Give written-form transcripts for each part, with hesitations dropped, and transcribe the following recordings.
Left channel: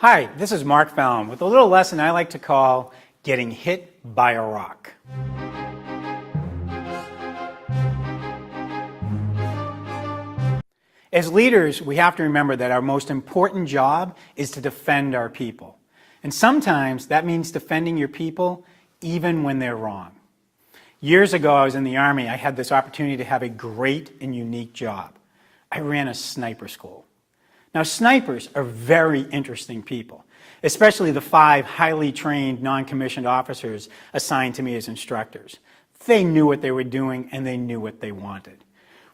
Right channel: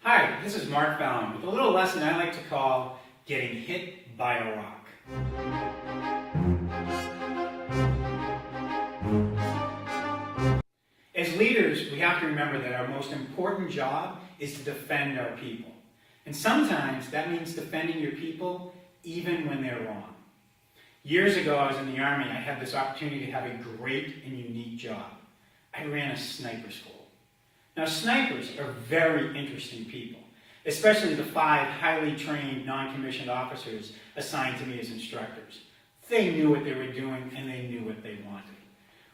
Hi, this is Mark Fallon with a little lesson I like to call Getting Hit by a Rock. As leaders, we have to remember that our most important job is to defend our people. And sometimes that means defending your people even when they're wrong. Years ago, I was in the Army. I had this opportunity to have a great and unique job. I ran a sniper school. Now, snipers are very interesting people, especially the 5 highly trained non-commissioned officers assigned to me as instructors. They knew what they were doing and they knew what they wanted.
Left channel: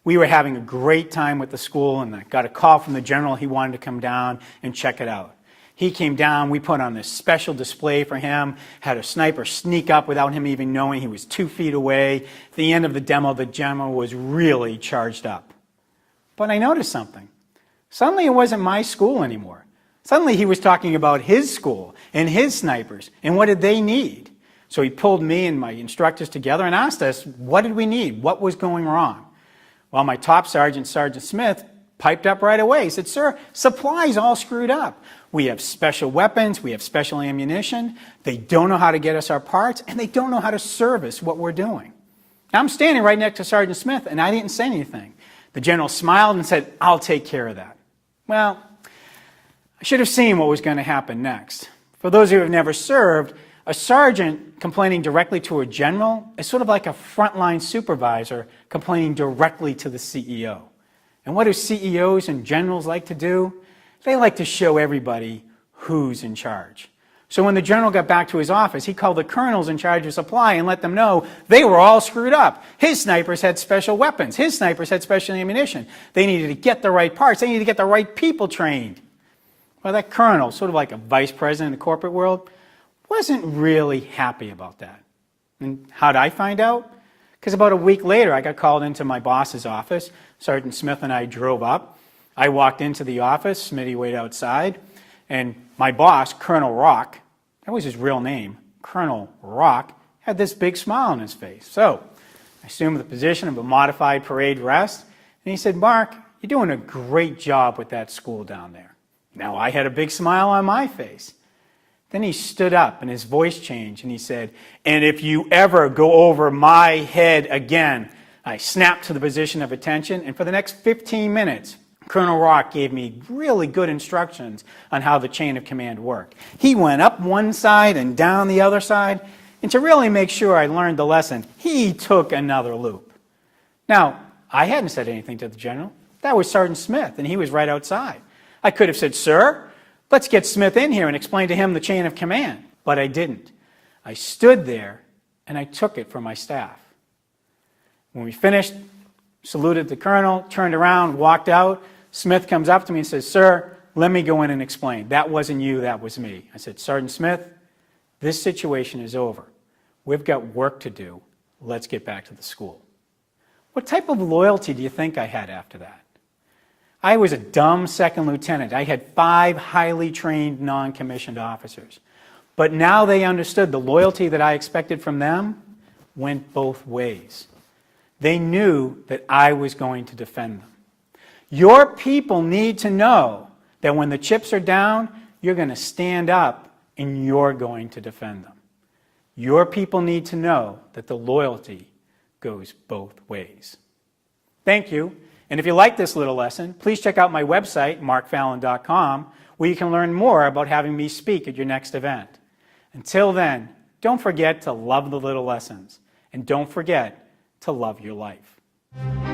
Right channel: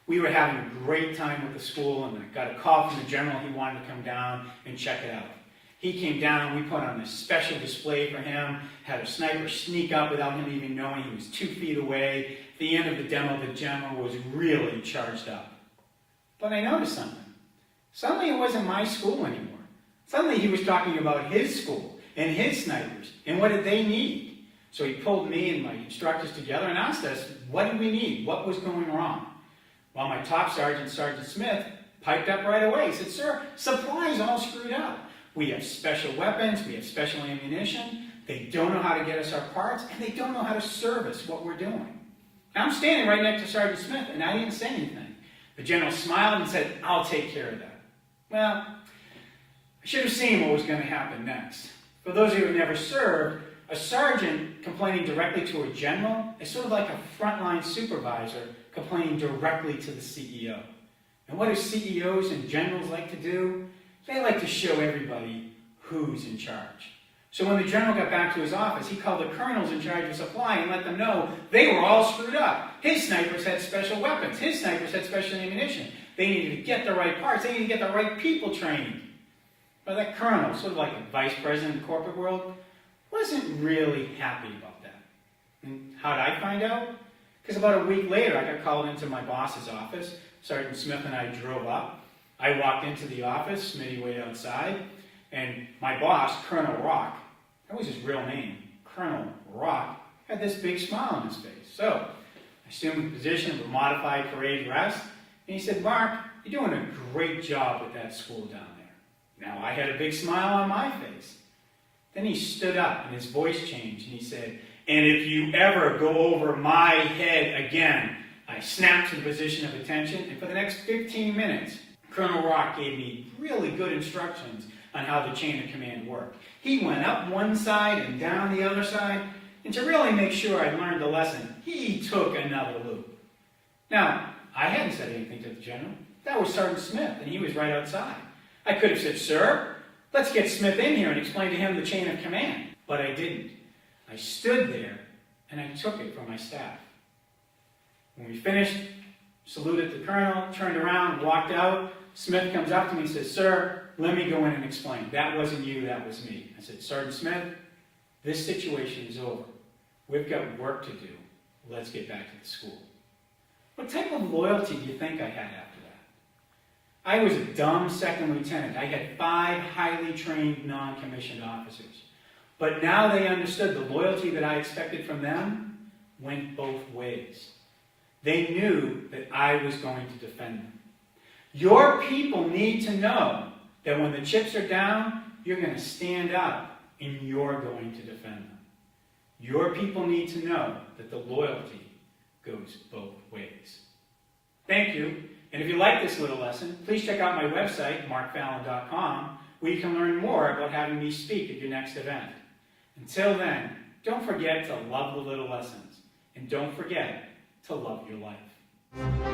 We were having a great time with the school, and I got a call from the general. He wanted to come down and check it out. He came down, we put on this special display for him, had a sniper sneak up without him even knowing. He was 2 feet away. At the end of the demo, the general was really charged up. But I noticed something. Suddenly it wasn't my school anymore. Suddenly he was talking about his school and his snipers and what did they need. So he pulled me and my instructors together and asked us, what did we need? What was going wrong? Well, my top sergeant, Sergeant Smith, piped up right away. He said, "Sir, supply's all screwed up. We have special weapons, we have special ammunition. They don't know how to get us our parts, and they don't know how to service what we're doing." Now, I'm standing right next to Sergeant Smith, and I didn't say anything. The general smiled and said, "I'll take care of that." Well, I should have seen what was going to happen next. For those who have never served, a sergeant complaining directly to a general is sort of like a frontline supervisor complaining directly to the CEO. And what do CEOs and generals like to do? They like to show everybody who's in charge. So when the general got back to his office, he called the colonels in charge of supply and let them know they were all screwed up. His snipers had special weapons. His snipers had special ammunition. They needed to get the right parts. They needed to get the right people trained. Well, that colonel, sort of like a vice president in the corporate world, wasn't really happy about that. And how did I find out? Because about a week later, I got called into my boss's office. Sergeant Smith and I drove up. I walked into the office. Smitty waited outside. And my boss, Colonel Rock, that was his real name, Colonel Rock, had this big smile on his face. So I assumed the position of a modified parade dress, and he said, "Mark, you're doing a great job with that school down there." Now I had a big smile on my face. Then he stood up and his voice changed and he said, "And if you ever go over my head again." I snapped to the position of attention, and for the next 15 minutes, Colonel Rock gave me really good instructions on how the chain of command worked. He went up one side and down the other side, and to really make sure I learned the lesson, he took another loop. Now, I hadn't said anything to the general. That was Sergeant Smith, and he was right outside. I could have said, "Sir, let's get Smith in here and explain to him the chain of command." But I didn't. I stood there, and I took it from my staff. When we finished, saluted the colonel, turned around, walked out. Smith comes up to me and says, "Sir, let me go in and explain. That wasn't you, that was me." I said, "Sergeant Smith, this situation is over. We've got work to do. Let's get back to the school." What type of loyalty do you think I had after that? I was a dumb second lieutenant. I had 5 highly trained non-commissioned officers. But now they understood the loyalty that I expected from them went both ways. They knew that I was going to defend them. Your people need to know that when the chips are down, you're going to stand up and you're going to defend them. Your people need to know that the loyalty goes both ways. Thank you. And if you like this little lesson, please check out my website, markfallon.com, where you can learn more about having me speak at your next event. Until then, don't forget to love the little lessons, and don't forget to love your life.